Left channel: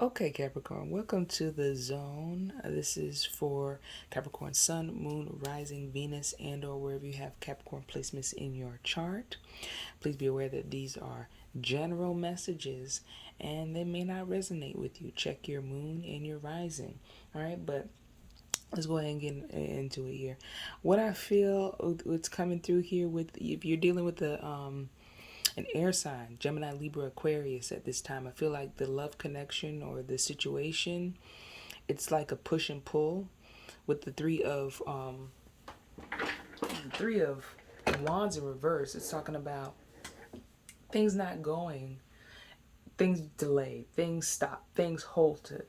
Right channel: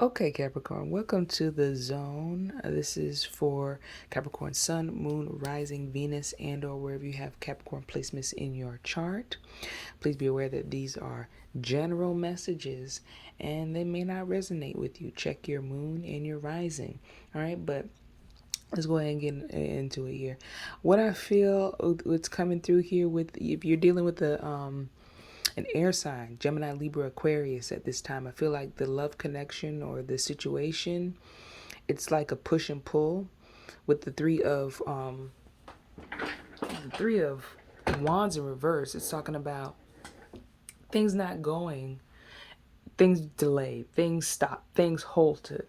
Okay, Capricorn, welcome to the zone. This is for Capricorn Sun, Moon, Rising, Venus, and or wherever you have Capricorn placements in your chart. Please be aware that these are general messages and they may not resonate with you. Check your moon and your rising. All right, but let's go ahead and get into it here. What I feel what's coming through here with if you're dealing with an air sign, Gemini, Libra, Aquarius at this time. I feel like the love connection or the situation, it's like a push and pull with the three of wands in reverse. It's talking about things not going, things delayed, things stopped, things halted.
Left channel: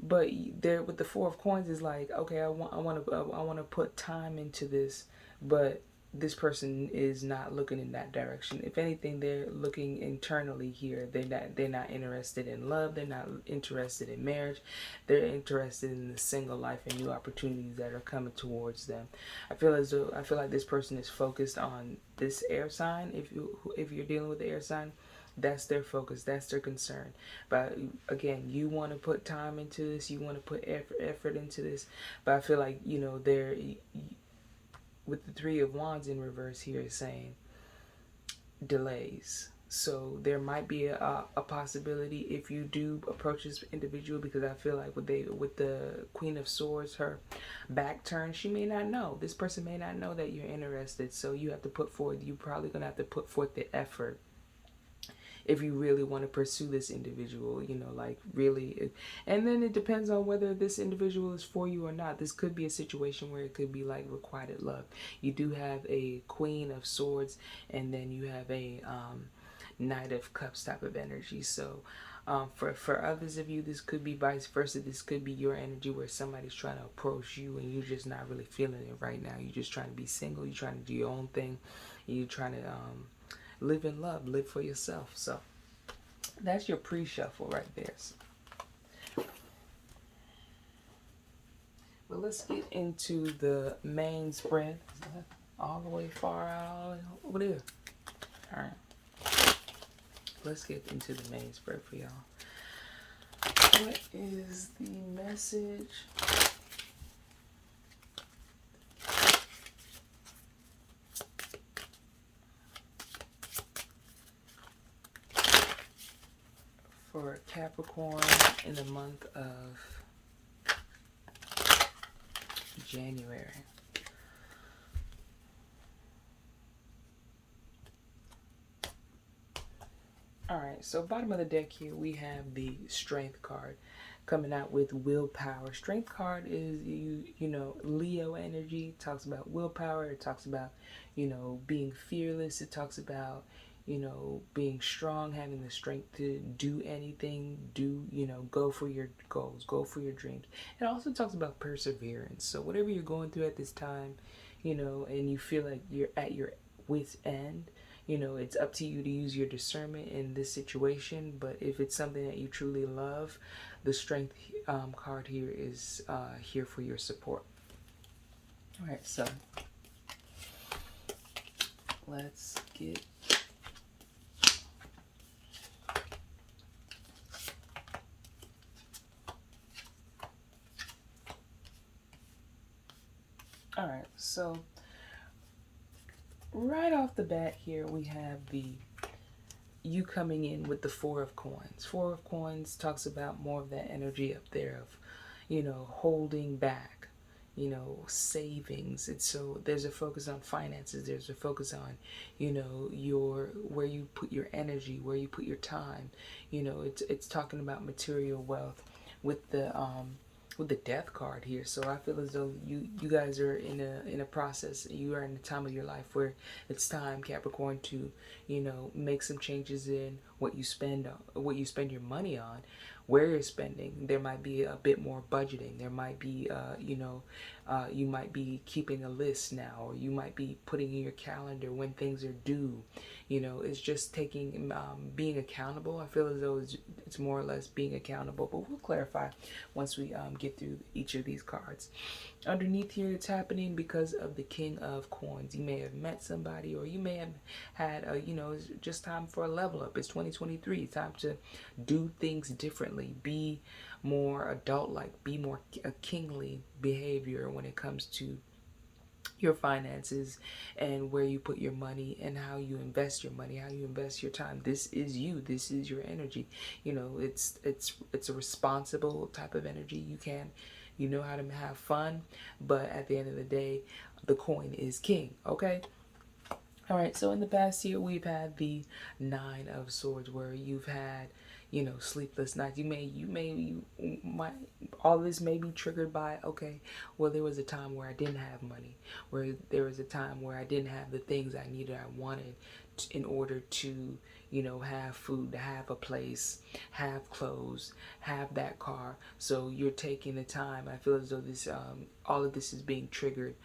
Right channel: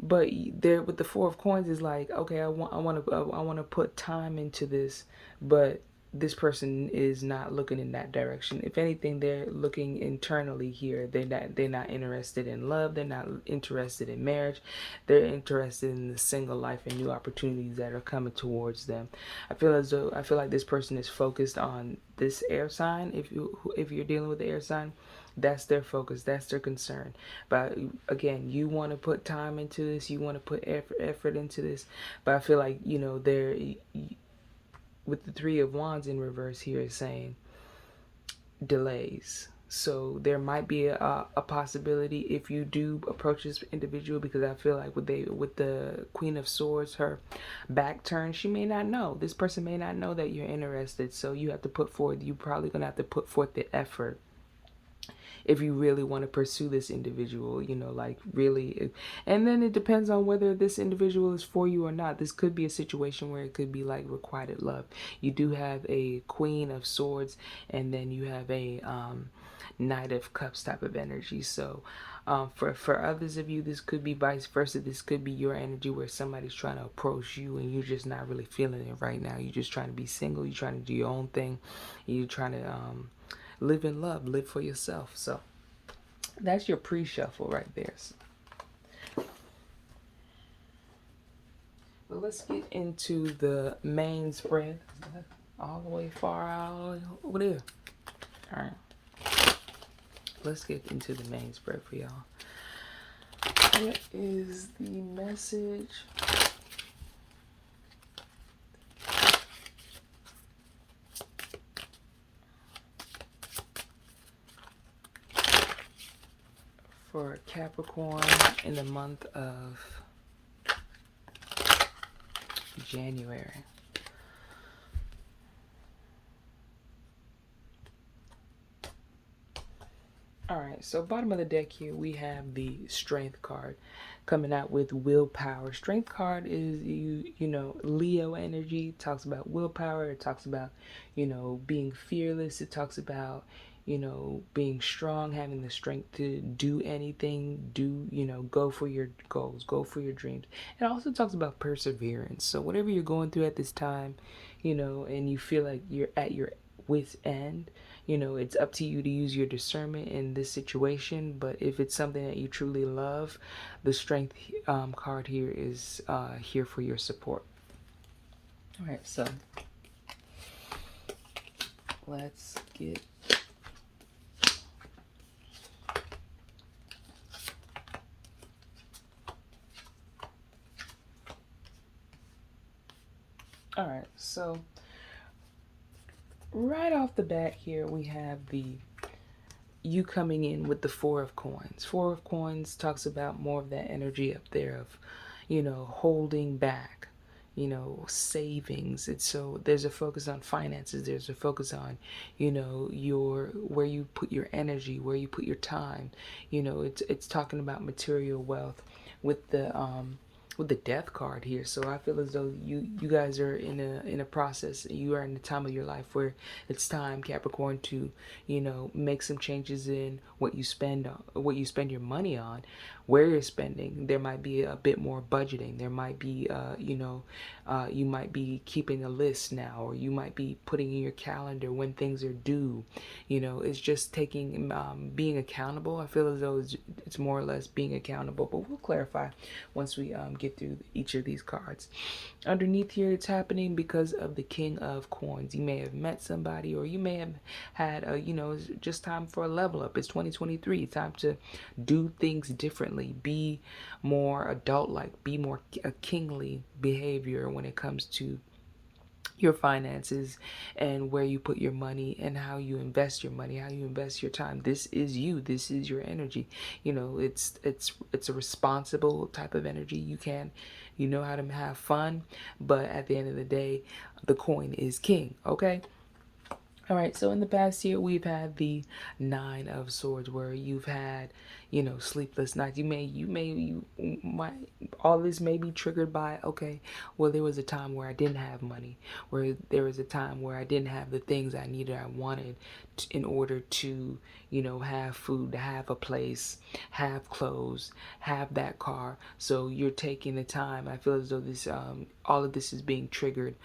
But there with the four of coins is like, okay, I want to put time into this, but this person is not looking in that direction. If anything, they're looking internally here. They're not interested in love. They're not interested in marriage. They're interested in the single life and new opportunities that are coming towards them. I feel like this person is focused on this air sign. If you're dealing with the air sign, that's their focus, that's their concern. But again, you want to put time into this, you want to put effort into this. But I feel like, they're with the three of wands in reverse here is saying delays. So there might be a possibility if you do approach this individual, because I feel like with the Queen of Swords, her back turn, she may not know. This person may not know that you're interested. So you have to put forth. You probably gonna have to put forth the effort if you really want to pursue this individual, like really. And then it depends on whether this individual is for you or not. This could be a situation where it could be like requited love. You do have a Queen of Swords, and then you have a Knight of Cups type of energy. So for others of you, this could be vice versa. This could be your energy where somebody's trying to approach you and you're just not really feeling it right now. You're just trying to be single. You're trying to do your own thing. You're trying to live in love, live for yourself. So that's your pre-shuffle right there. Well, let's get into the main spread. All the way far out over there. All right. Let's get into the main spread for y'all. What is the message? For Capricorn in the month of January. Alright, so bottom of the deck here we have the Strength card coming out with willpower. Strength card is Leo energy. It talks about willpower. It talks about, being fearless. It talks about, being strong, having the strength to do anything, go for your goals, go for your dreams. It also talks about perseverance. So whatever you're going through at this time, and you feel like you're at your wit's end, it's up to you to use your discernment in this situation. But if it's something that you truly love, the Strength card here is here for your support. All right, so let's get all right, so right off the bat here we have you coming in with the Four of Coins. Four of Coins talks about more of that energy up there of, holding back, savings. And so there's a focus on finances. There's a focus on, your where you put your energy, where you put your time. It's talking about material wealth with the Death card here. So I feel as though you guys are in a process. You are in a time of your life where it's time, Capricorn, to make some changes in what you spend your money on, where you're spending. There might be a bit more budgeting. There might be you might be keeping a list now, or you might be putting in your calendar when things are due. It's just taking being accountable. I feel as though it's more or less being accountable, but we'll clarify once we get through each of these cards. Underneath here, it's happening because of the King of Coins. You may have met somebody, or you may have had it's just time for a level up. It's 2023. Time to do things differently. differently, be more adult like, be more a kingly behavior when it comes to your finances and where you put your money and how you invest your money, how you invest your time. This is you, this is your energy. You know, it's a responsible type of energy. You know how to have fun, but at the end of the day, the coin is king. Okay. All right, so in the past year, we've had the Nine of Swords, where you've had, sleepless nights. You might, all this may be triggered by, okay, well, there was a time where I didn't have money, where there was a time where I didn't have the things I needed, I wanted in order to, have food, to have a place, have clothes, have that car. So you're taking the time. I feel as though all of this is being triggered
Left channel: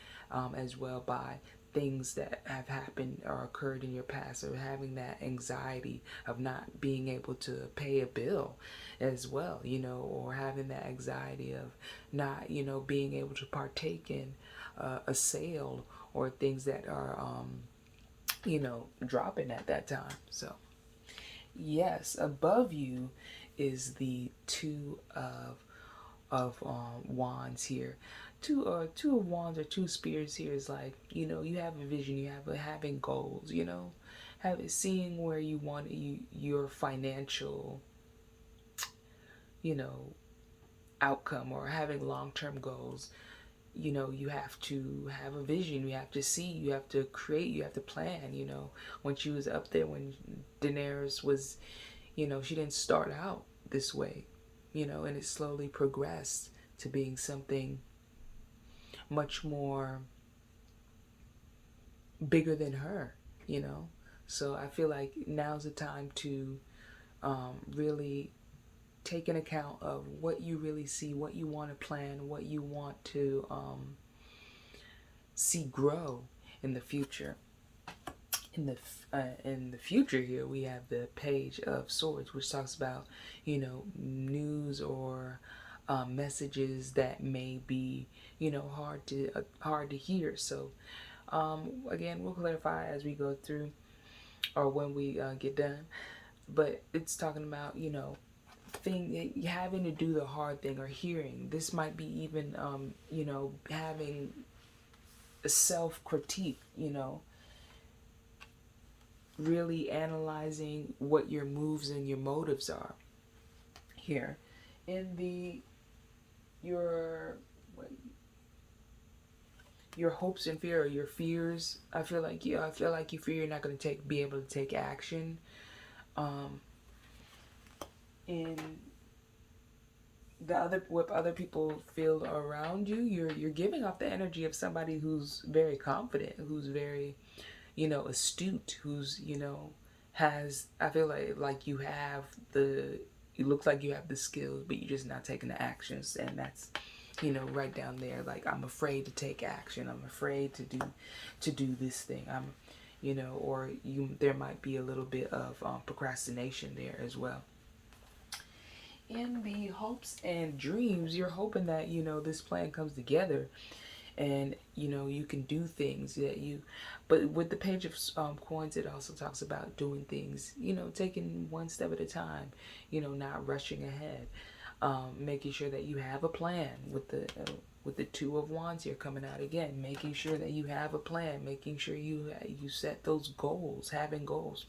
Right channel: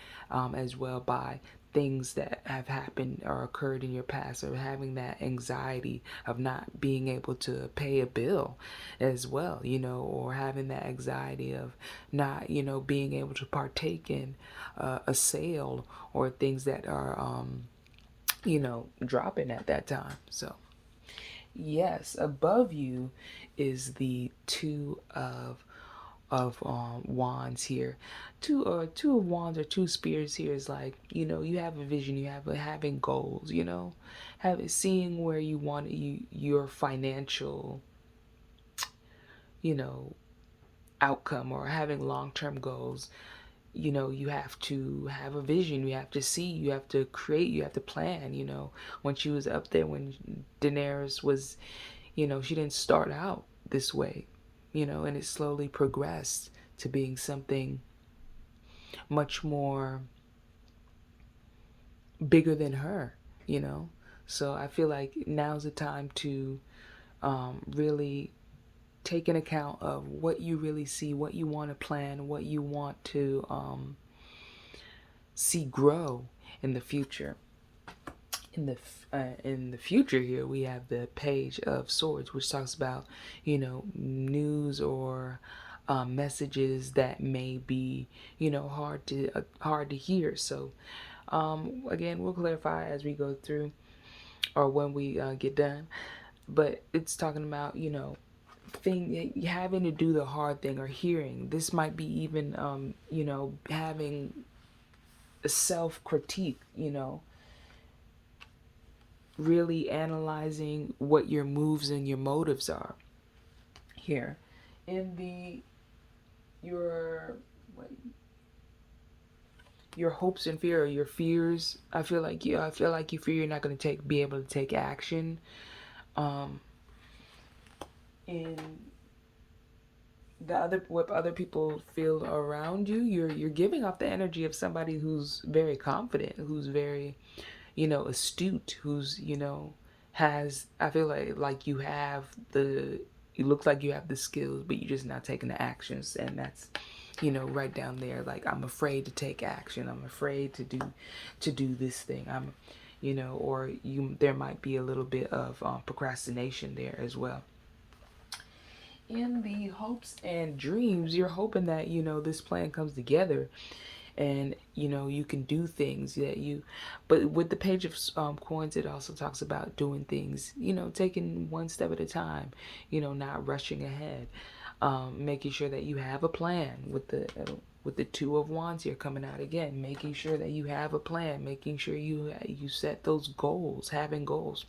as well by things that have happened or occurred in your past, or having that anxiety of not being able to pay a bill as well, or having that anxiety of not, being able to partake in a sale or things that are, dropping at that time. So, yes, above you is the Two of wands here. Two of wands or two spears here is like, you have a vision, you have having goals, seeing where you want your financial, you know outcome, or having long-term goals. You have to have a vision, you have to see, you have to create, you have to plan. When she was up there, when Daenerys was, she didn't start out this way, and it slowly progressed to being something much more bigger than her, you know? So I feel like now's the time to really take an account of what you really see, what you want to plan, what you want to see grow in the future. In the future here, we have the Page of Swords, which talks about, news or messages that may be, hard to hear. So again, we'll clarify as we go through, or when we get done. But it's talking about, having to do the hard thing, or hearing. This might be even, having a self critique, really analyzing what your moves and your motives are here. In your hopes and fear, or your fears, I feel like you fear you're not going to be able to take action in what other people feel around you. You're giving off the energy of somebody who's very confident, who's very, astute, who's, has, I feel like you have you look like you have the skills, but you're just not taking the actions. And that's, right down there. Like, I'm afraid to take action. I'm afraid to do this thing. There might be a little bit of procrastination there as well. In the hopes and dreams, you're hoping that, this plan comes together, and you can do things but with the Page of Coins, it also talks about doing things, taking one step at a time, not rushing ahead, making sure that you have a plan. With the Two of Wands here coming out again, making sure that you have a plan, making sure you set those goals, having goals.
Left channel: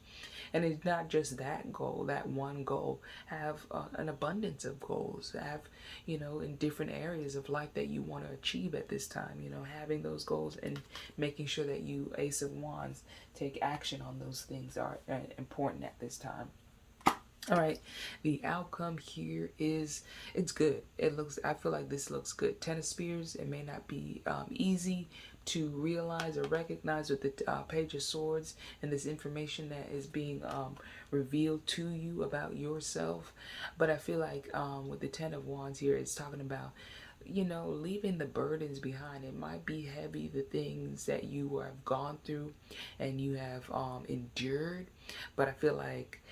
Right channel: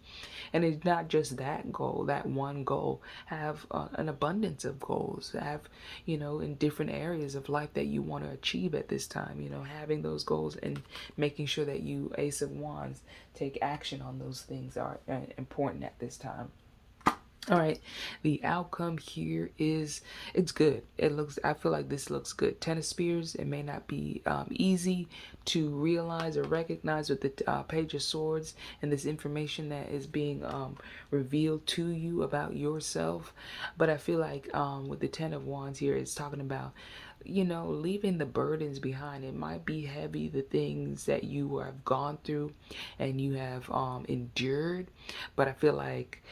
And it's not just that goal, that one goal. Have an abundance of goals. Have, in different areas of life that you want to achieve at this time. Having those goals and making sure that you, Ace of Wands, take action on those things are important at this time. All right, the outcome here is, it's good. I feel like this looks good. Ten of Spears, it may not be easy to realize or recognize with the Page of Swords and this information that is being revealed to you about yourself. But I feel like with the Ten of Wands here, it's talking about, leaving the burdens behind. It might be heavy, the things that you have gone through and you have endured, but I feel like,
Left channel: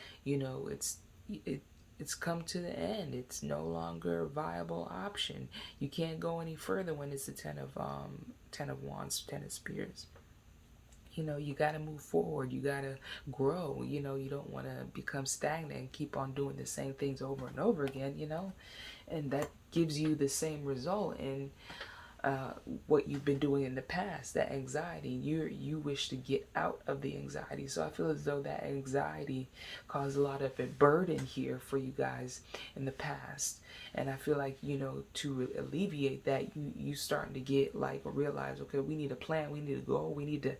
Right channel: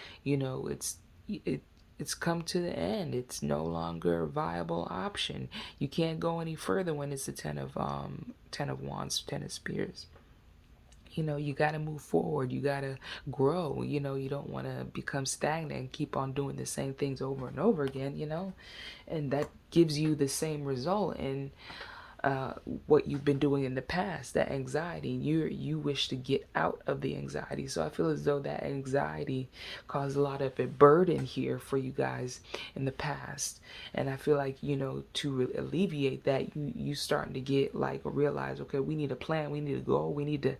it's come to the end. It's no longer a viable option. You can't go any further when it's the Ten of Wands, Ten of Spears. You know, you got to move forward. You got to grow. You know, you don't want to become stagnant and keep on doing the same things over and over again, you know, and that gives you the same result. And uh, what you've been doing in the past, that anxiety, you wish to get out of the anxiety. So I feel as though that anxiety caused a lot of a burden here for you guys in the past. And I feel like, you know, to alleviate that, you starting to get like realize, okay, we need a plan, we need a goal, we need to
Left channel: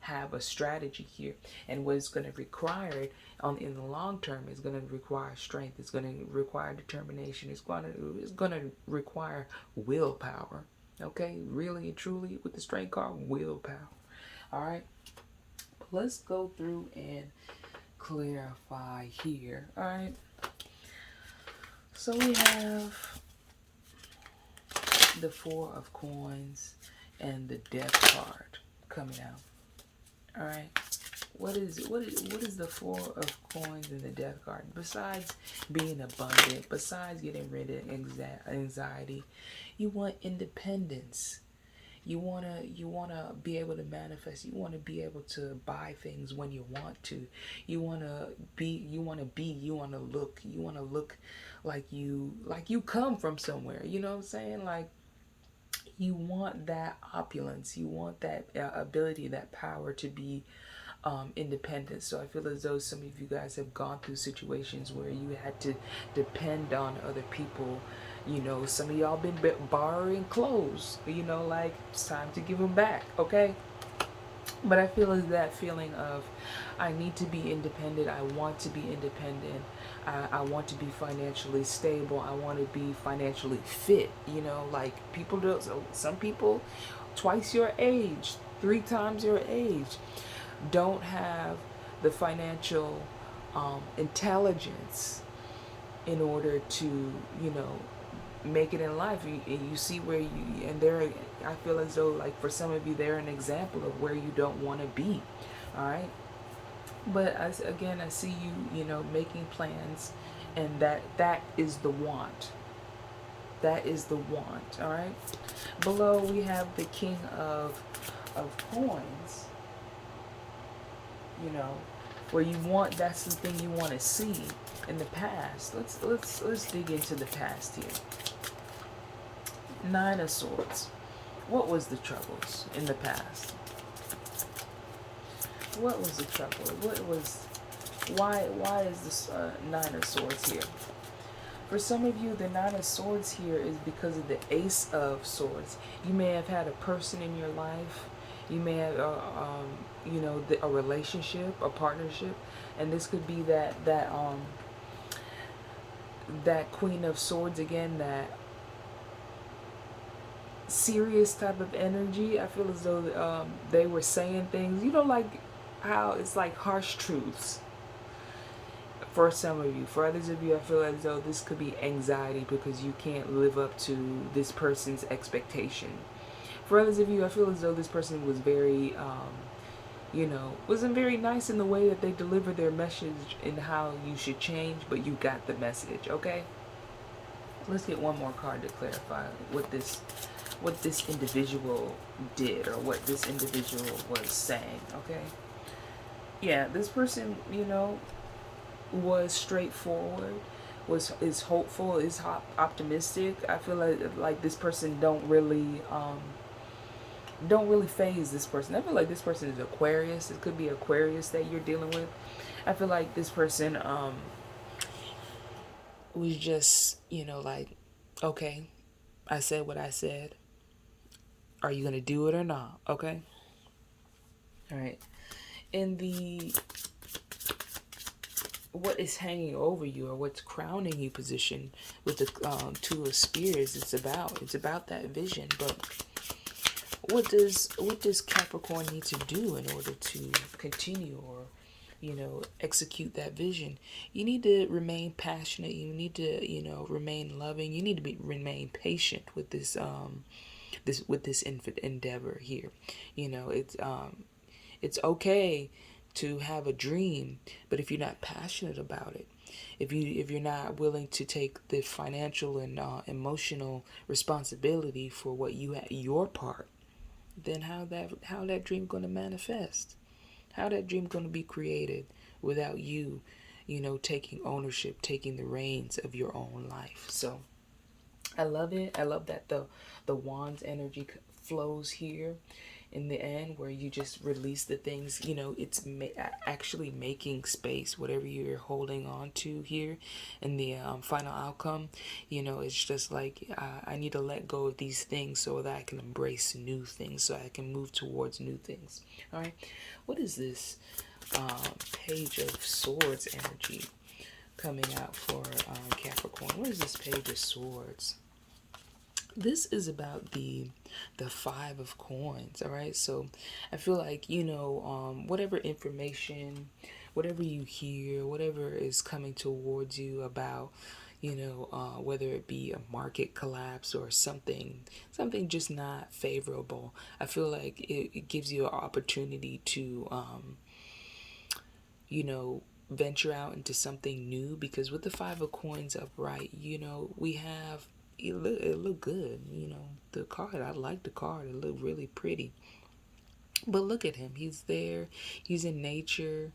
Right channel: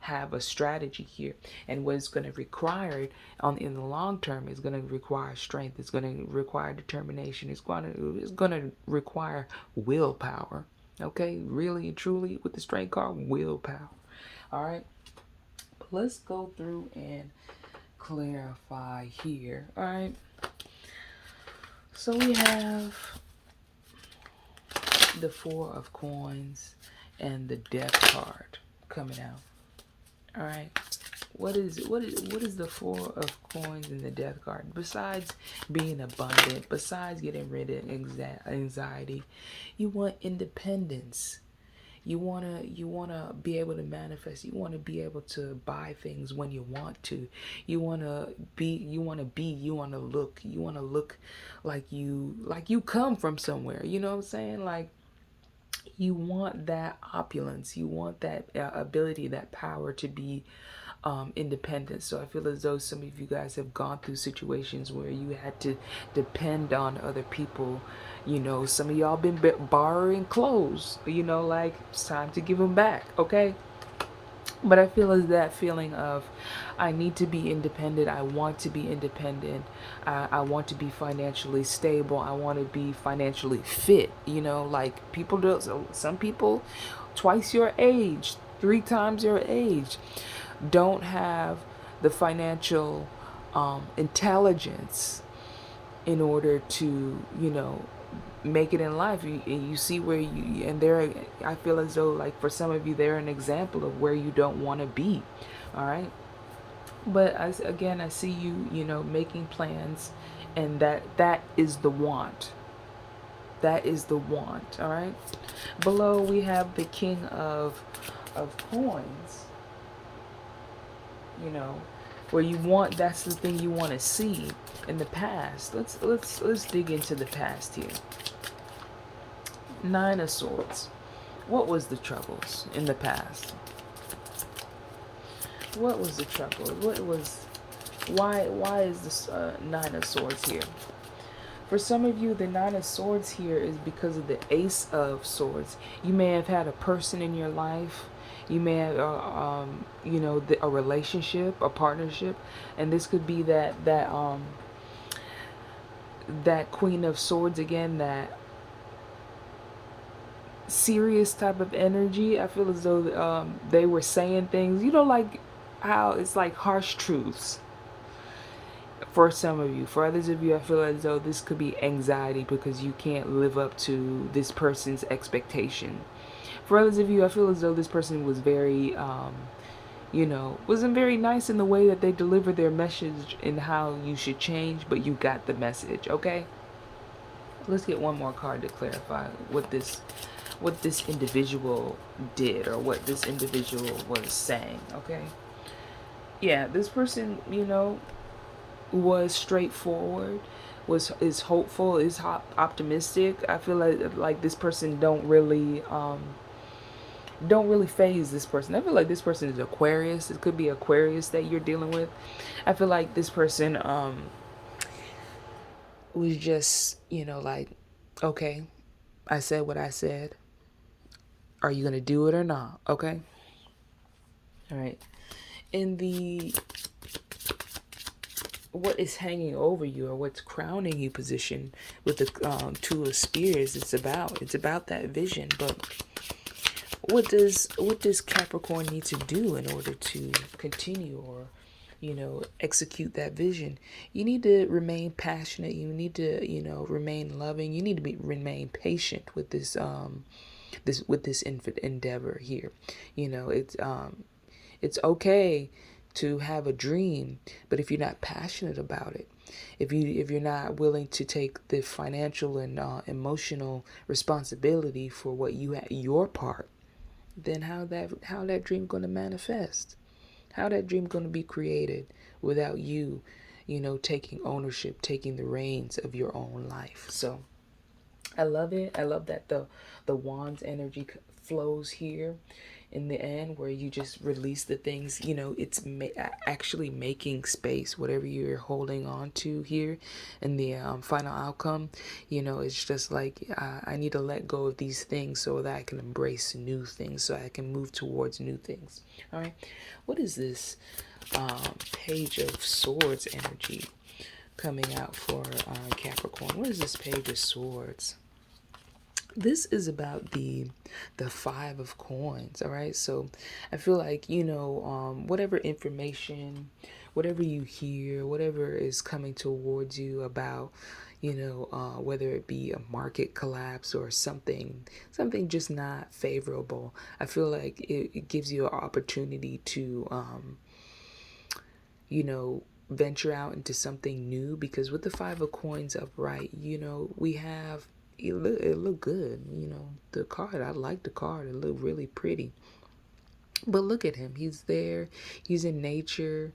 have a strategy here. And what it's going to require on in the long term is going to require strength. It's going to require determination. It's going to require willpower. Okay, really and truly with the strength card, willpower. All right, but let's go through and clarify here. All right, so we have the Four of Coins and the Death card coming out. All right, what is the Four of Coins and the Death card? Besides being abundant, besides getting rid of anxiety, you want independence. You wanna be able to manifest. You wanna be able to buy things when you want to. You wanna look like you come from somewhere. You know what I'm saying? Like you want that opulence. You want that ability, that power to be independent. So I feel as though some of you guys have gone through situations where you had to depend on other people. You know, some of y'all been borrowing clothes. You know, like it's time to give them back. Okay. But I feel as that feeling of I need to be independent. I want to be independent. I want to be financially stable. I want to be financially fit. You know, like people do. Some people, twice your age, three times your age, don't have the financial intelligence in order to, you know, make it in life. You see where you, and there, I feel as though like for some of you, they're an example of where you don't want to be. All right. But again, I see you, you know, making plans, and that is the want. That is the want. All right. Below we have the King of Coins. You know, where you want, that's the thing you want to see in the past. Let's dig into the past here. Nine of Swords. What was the troubles in the past? What was the trouble? Why is this Nine of Swords here? For some of you, the Nine of Swords here is because of the Ace of Swords. You may have had a person in your life. You may have, you know, a relationship, a partnership, and this could be that Queen of Swords again, that serious type of energy. I feel as though they were saying things, you know, like how it's like harsh truths for some of you. For others of you, I feel as though this could be anxiety because you can't live up to this person's expectation. For others of you, I feel as though this person was very, you know, wasn't very nice in the way that they delivered their message and how you should change, but you got the message, okay? Let's get one more card to clarify what this individual did or what this individual was saying, okay? Yeah, this person, you know, was straightforward, is hopeful, is optimistic. I feel like this person don't really phase this person. I feel like this person is Aquarius. It could be Aquarius that you're dealing with. I feel like this person was just, you know, like, okay, I said what I said. Are you going to do it or not? Okay? All right. In the what is hanging over you or what's crowning you position with the Two of Spears, it's about that vision. But what does Capricorn need to do in order to continue or, you know, execute that vision? You need to remain passionate. You need to, you know, remain loving. You need to remain patient with this endeavor here. You know, it's okay to have a dream, but if you're not passionate about it, if you're not willing to take the financial and emotional responsibility for what you your part, then how that dream going to manifest? How that dream going to be created without you, taking ownership, taking the reins of your own life? So I love it. I love that the wands energy flows here in the end, where you just release the things. It's actually making space, whatever you're holding on to here in the final outcome. It's just like, I need to let go of these things so that I can embrace new things, so I can move towards new things. All right, what is this page of swords energy coming out for Capricorn? What is this page of swords? This is about the five of coins. All right, so I feel like, whatever information, whatever you hear, whatever is coming towards you about, whether it be a market collapse or something just not favorable, I feel like it gives you an opportunity to venture out into something new. Because with the five of coins upright, we have, it look good. The card, I like the card. It looked really pretty. But look at him. He's there. He's in nature.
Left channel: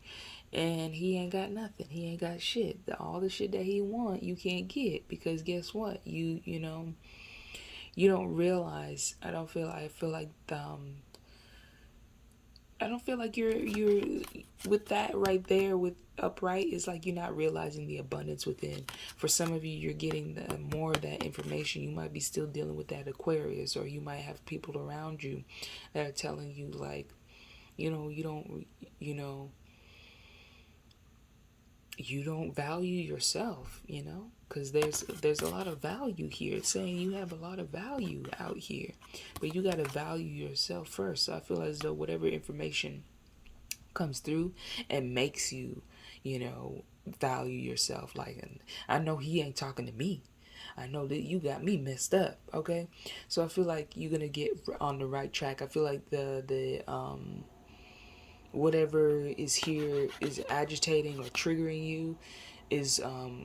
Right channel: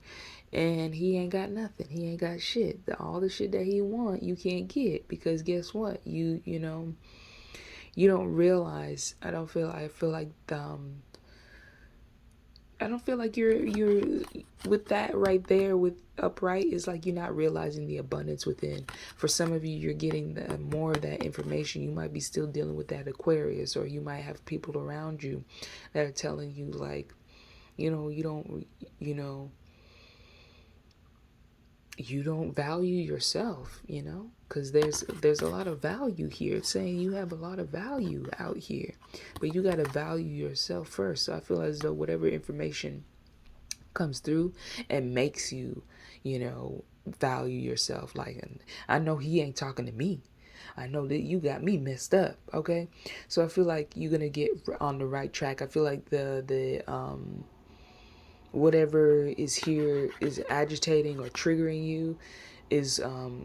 And he ain't got nothing. He ain't got shit. All the shit that he want, you can't get. Because guess what? You don't realize. I feel like I don't feel like you're with that right there with upright, is like you're not realizing the abundance within. For some of you, you're getting more of that information. You might be still dealing with that Aquarius, or you might have people around you that are telling you like, you don't, you don't value yourself, because there's a lot of value here. It's saying you have a lot of value out here, but you got to value yourself first. So I feel as though whatever information comes through and makes you, value yourself. Like, and I know he ain't talking to me. I know that you got me messed up. Okay, so I feel like you're gonna get on the right track. I feel like the whatever is here is agitating or triggering you is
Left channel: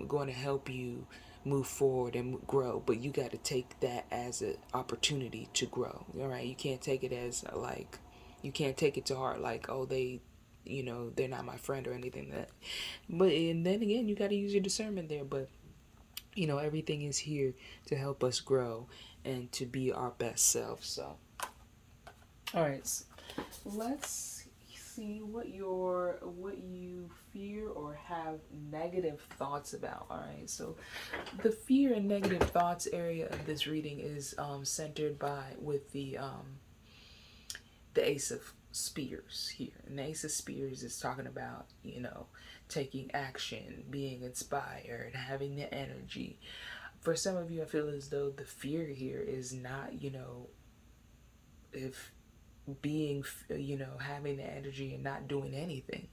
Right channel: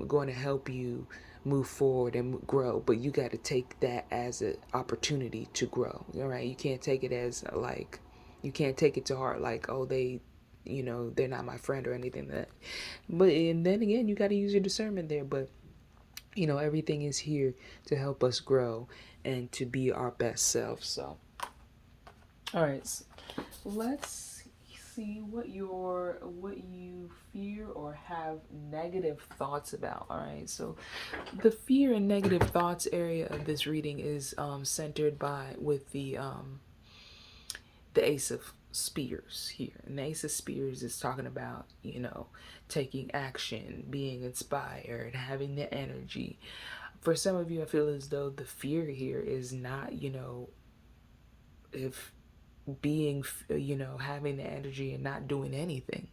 going to help you move forward and grow. But you got to take that as an opportunity to grow. All right, you can't take it as like, you can't take it to heart like, oh, they're not my friend or anything like that. But and then again, you got to use your discernment there. But everything is here to help us grow and to be our best self. So all right, let's see what you fear or have negative thoughts about. All right, so the fear and negative thoughts area of this reading is centered with the Ace of Spears here. And the Ace of Spears is talking about, taking action, being inspired, having the energy. For some of you, I feel as though the fear here is not, if being, having the energy and not doing anything.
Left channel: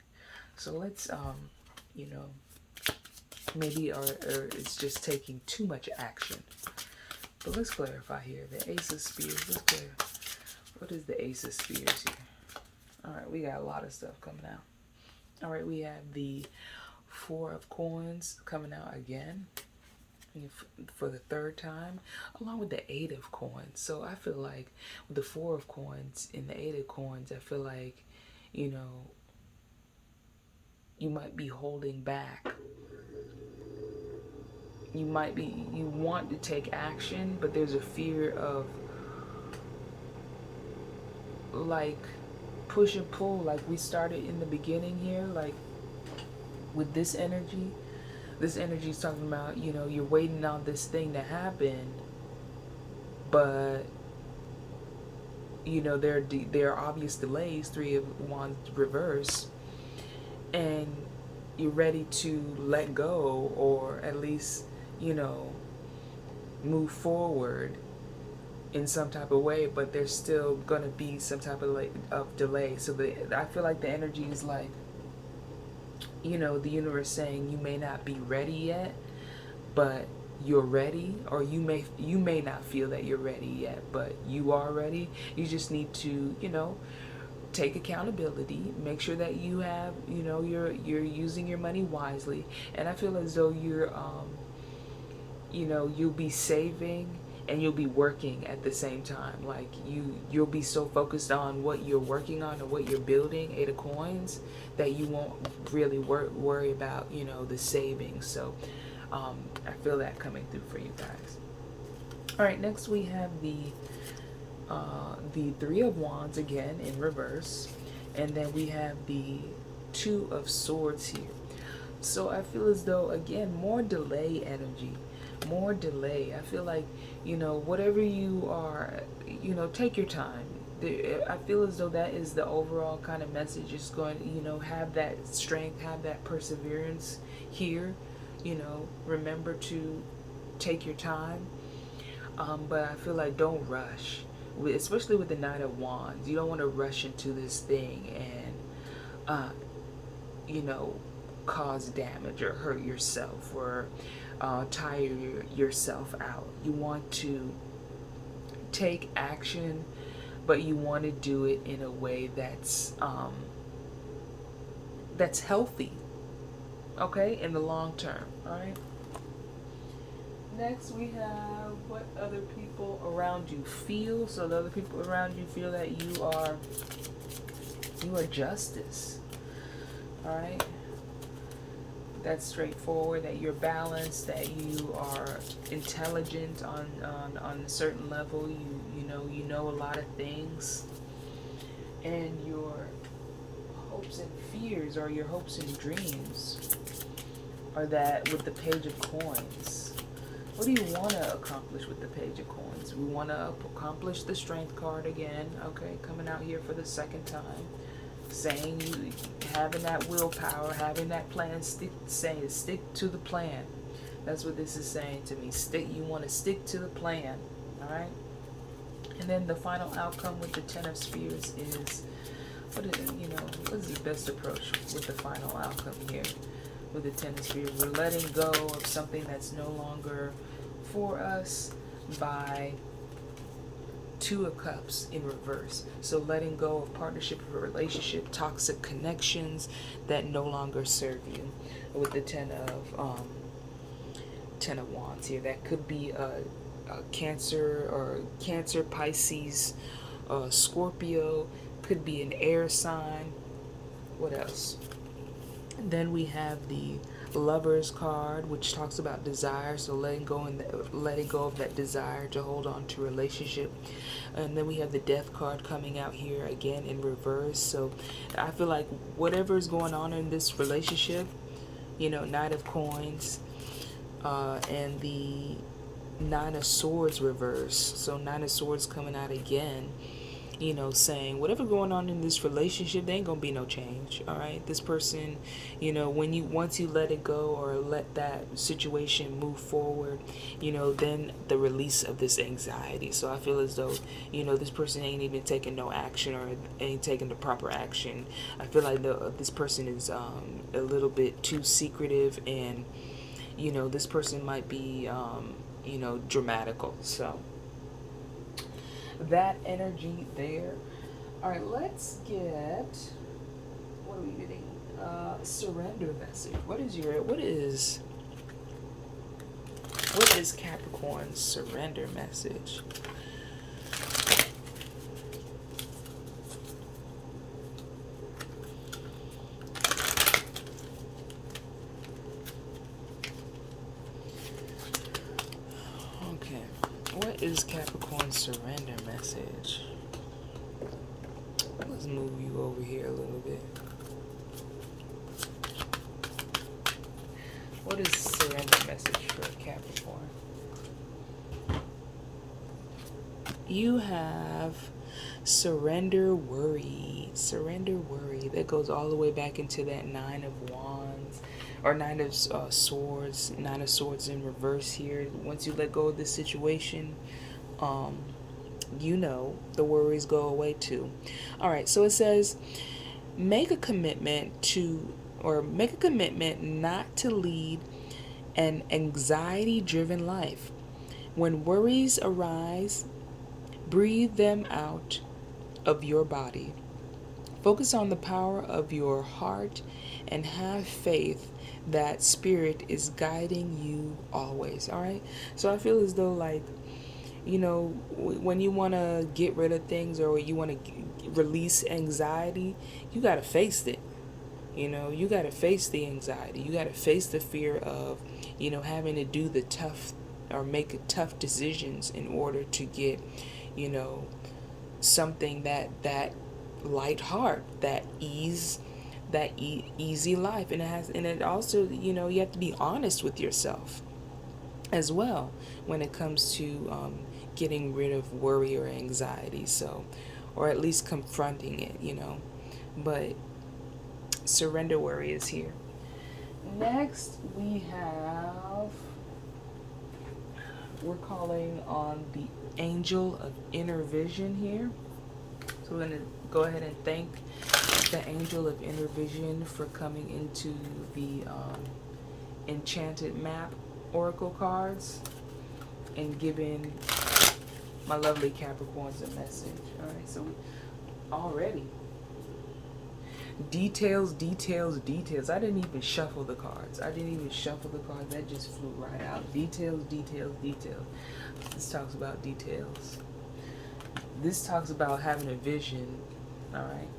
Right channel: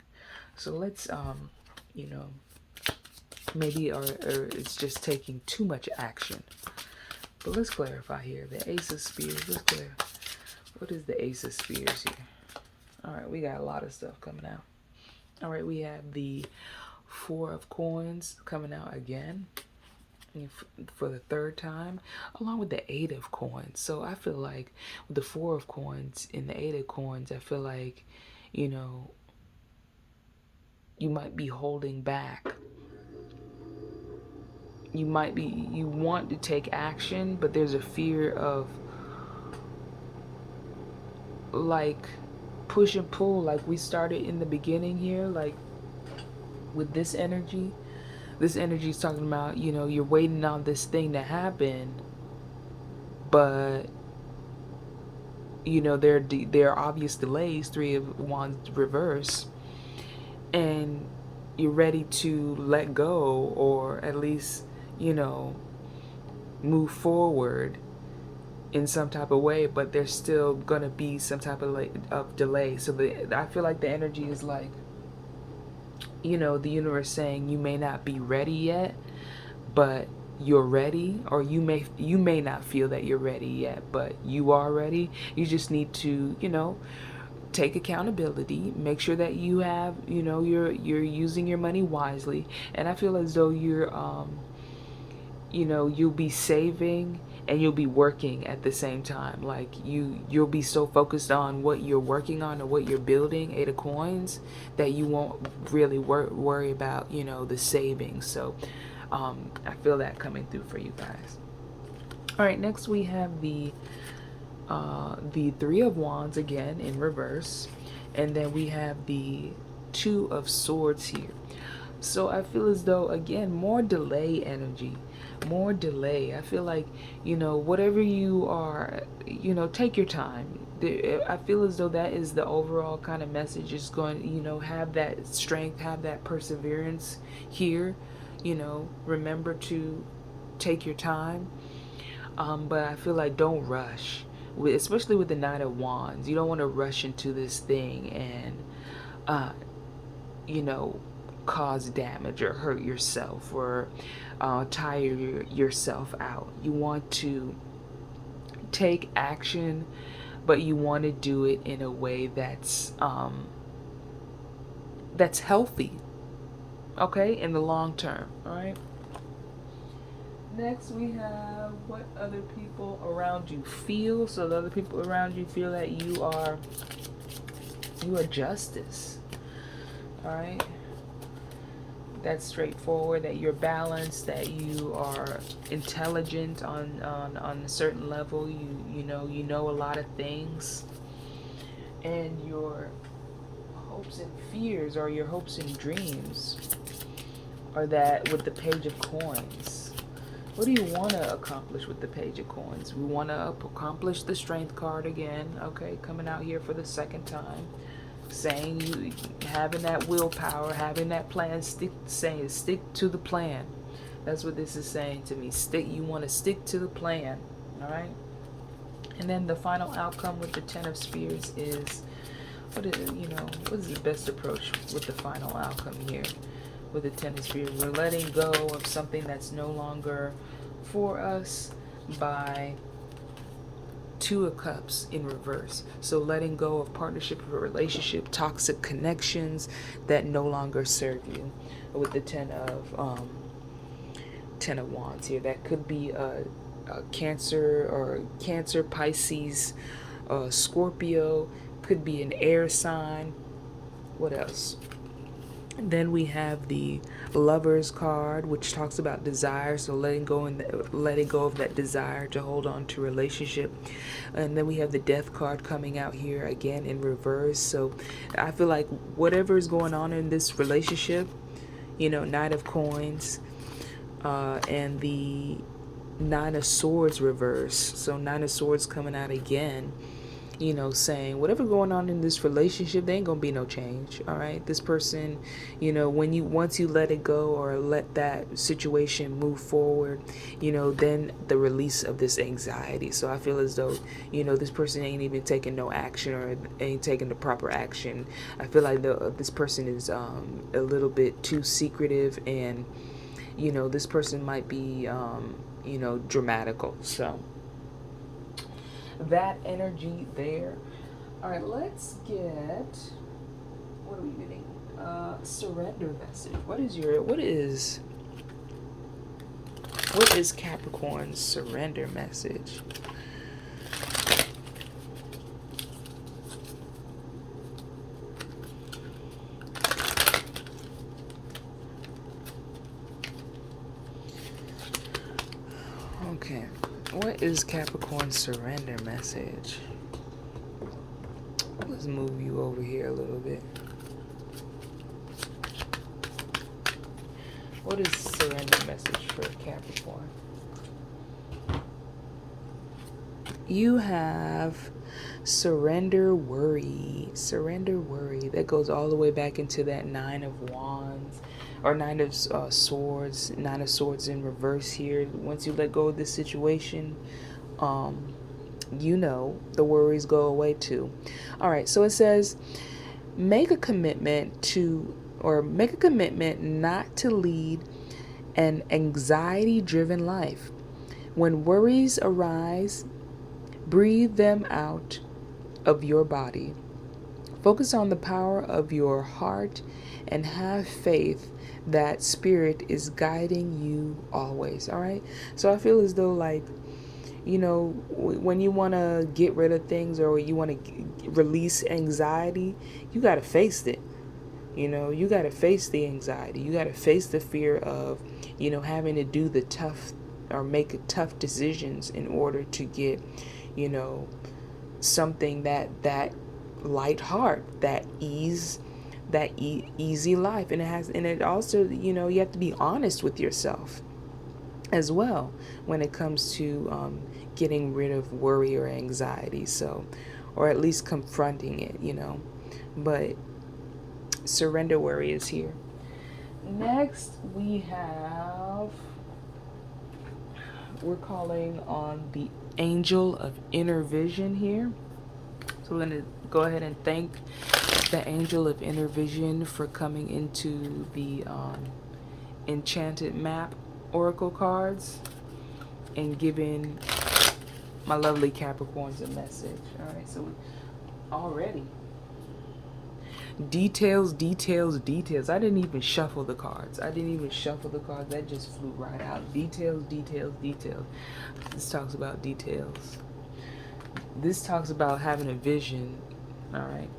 So let's, maybe, or it's just taking too much action. But let's clarify here. The Ace of Spears, let's clarify. What is the Ace of Spears here? All right, we got a lot of stuff coming out. All right, we have the Four of Coins coming out again for the third time, along with the Eight of Coins. So I feel like with the Four of Coins and the Eight of Coins, I feel like, you might be holding back. You want to take action, but there's a fear of like push and pull, like we started in the beginning here, like with this energy is talking about, you're waiting on this thing to happen, but there are obvious delays, Three of Wands reverse, and you're ready to let go, or at least move forward in some type of way, but there's still gonna be some type of delay. So I feel like the energy is like, the universe saying you may not be ready yet, but you're ready. Or you may not feel that you're ready yet, but you are ready. You just need to, take accountability, make sure that you have, you're using your money wisely. And I feel as though you'll be saving and you'll be working at the same time. Like you'll be so focused on what you're working on or what you're building, 8 of coins, that you won't really worry about, you know, the savings. So I feel that coming through for you guys. All right, next we have the 3 of Wands again in reverse, and then we have the 2 of Swords here. So I feel as though, again, more delay energy, more delay. I feel like, you know, whatever you are, you know, take your time. I feel as though that is the overall kind of message. Is going, you know, have that strength, have that perseverance here. You know, remember to take your time. But I feel like don't rush, especially with the 9 of Wands. You don't want to rush into this thing and, you know, cause damage or hurt yourself or tire yourself out. You want to take action, but you want to do it in a way that's healthy, okay, in the long term. All right. Next, we have what other people around you feel. So the other people around you feel that you are justice. All right. That's straightforward. That you're balanced. That you are intelligent on a certain level. You know a lot of things, and your hopes and fears, or your hopes and dreams, are that with the Page of Coins. What do you want to accomplish with the Page of Coins? We want to accomplish the Strength card again, okay, coming out here for the second time, saying you having that willpower, having that plan, stick to the plan. That's what this is saying to me. You want to stick to the plan, all right? And then the final outcome with the 10 of Spears is, what is the best approach with the final outcome here? With the 10 of Spears, we're letting go of something that's no longer for us by 2 of Cups in reverse. So letting go of partnership or relationship, toxic connections that no longer serve you. With the 10 of Wands here, that could be a Cancer, Pisces, Scorpio, could be an air sign. What else? Then we have the Lovers card, which talks about desire, so letting go of that desire to hold on to relationship. And then we have the Death card coming out here again in reverse. So I feel like whatever is going on in this relationship, you know, 9 of Coins, and the 9 of Swords reverse. So 9 of Swords coming out again, you know, saying whatever going on in this relationship, there ain't gonna be no change. All right, this person, you know, once you let it go or let that situation move forward, you know, then the release of this anxiety. So I feel as though, you know, this person ain't even taking no action or ain't taking the proper action. I feel like this person is a little bit too secretive, and you know, this person might be you know, dramatical. So that energy there. All right, let's get, what are we getting? Surrender message. What is Capricorn's surrender message? Okay. What is Capricorn's surrender message? Let's move you over here a little bit. What is surrender message for Capricorn? You have surrender worry. Surrender worry. That goes all the way back into that 9 of Wands. Or 9 of Swords. 9 of Swords in reverse here. Once you let go of this situation, you know, the worries go away too. All right, so it says, make a commitment not to lead an anxiety-driven life. When worries arise, breathe them out of your body. Focus on the power of your heart and have faith that Spirit is guiding you always. All right, so I feel as though, like, you know, when you want to get rid of things or you want to release anxiety, you got to face it. You know, you got to face the anxiety. You got to face the fear of, you know, having to do the tough or make tough decisions in order to get, you know, something that light heart, that easy life. And it also, you know, you have to be honest with yourself as well when it comes to getting rid of worry or anxiety. So, or at least confronting it, you know. But surrender worry is here. Next, we're calling on the angel of inner vision here. So we're going to go ahead and thank the angel of inner vision for coming into the enchanted map oracle cards and giving my lovely Capricorns a message. All right, so already details. I didn't even shuffle the cards. That just flew right out. Details. This talks about details. This talks about having a vision. All right.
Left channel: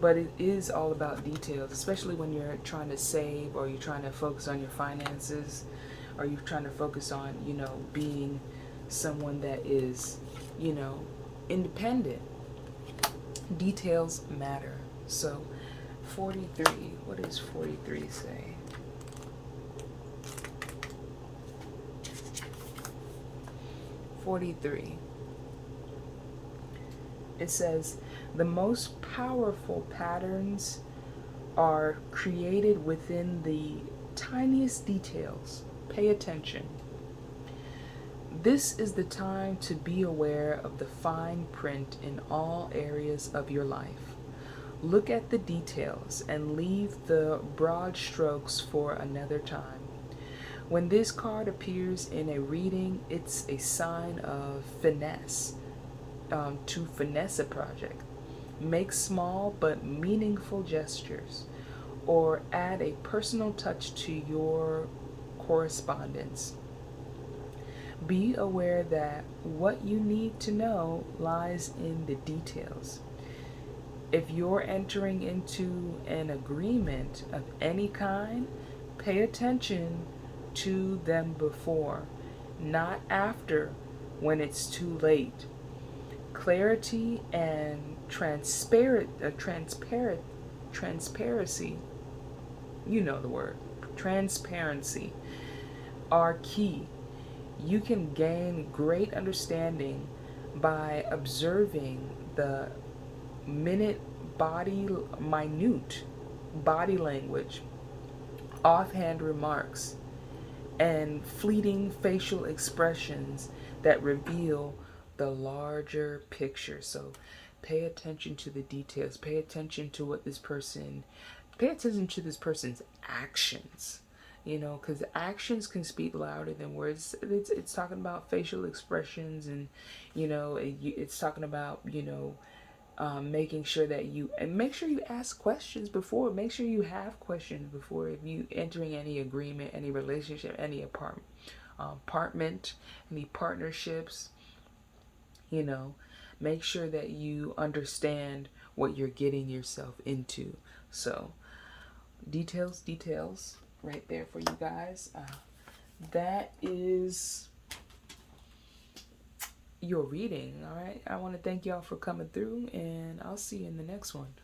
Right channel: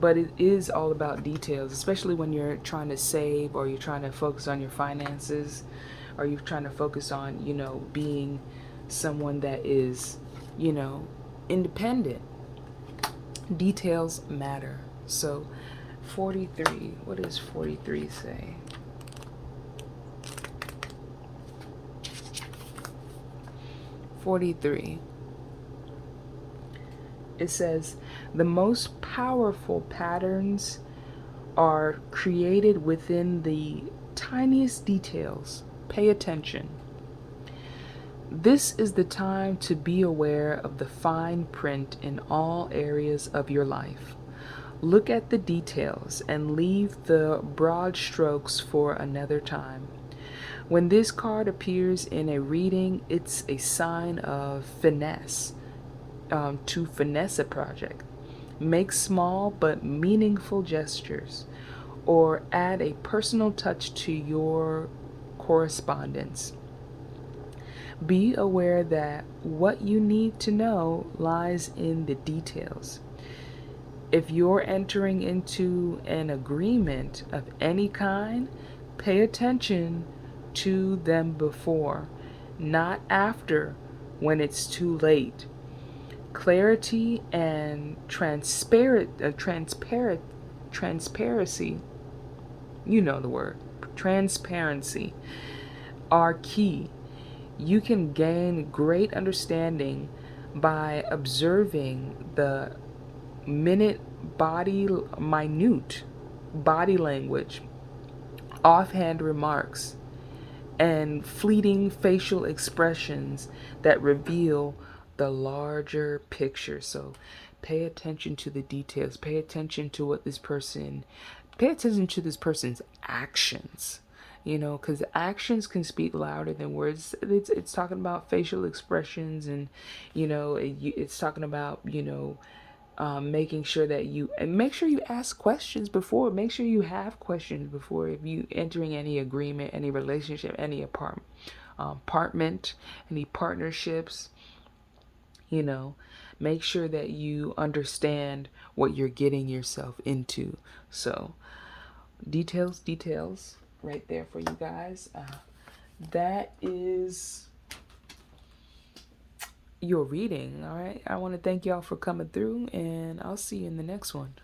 But it is all about details, especially when you're trying to save or you're trying to focus on your finances or you're trying to focus on, you know, being someone that is, you know, independent. Details matter. So 43, what does 43 say? 43. It says, the most powerful patterns are created within the tiniest details. Pay attention. This is the time to be aware of the fine print in all areas of your life. Look at the details and leave the broad strokes for another time. When this card appears in a reading, it's a sign of finesse, to finesse a project. Make small but meaningful gestures or add a personal touch to your correspondence. Be aware that what you need to know lies in the details. If you're entering into an agreement of any kind, pay attention to them before, not after when it's too late. Clarity and transparency, you know the word, transparency, are key. You can gain great understanding by observing the minute body language, offhand remarks, and fleeting facial expressions that reveal the larger picture. So pay attention to the details. Pay attention to pay attention to this person's actions. You know, because actions can speak louder than words. It's talking about facial expressions, and you know, it's talking about, you know, making sure that make sure you ask questions before. Make sure you have questions before if you entering any agreement, any relationship, any apartment, any partnerships. You know, make sure that you understand what you're getting yourself into. So details right there for you guys. That is your reading. All right, I want to thank y'all for coming through, and I'll see you in the next one.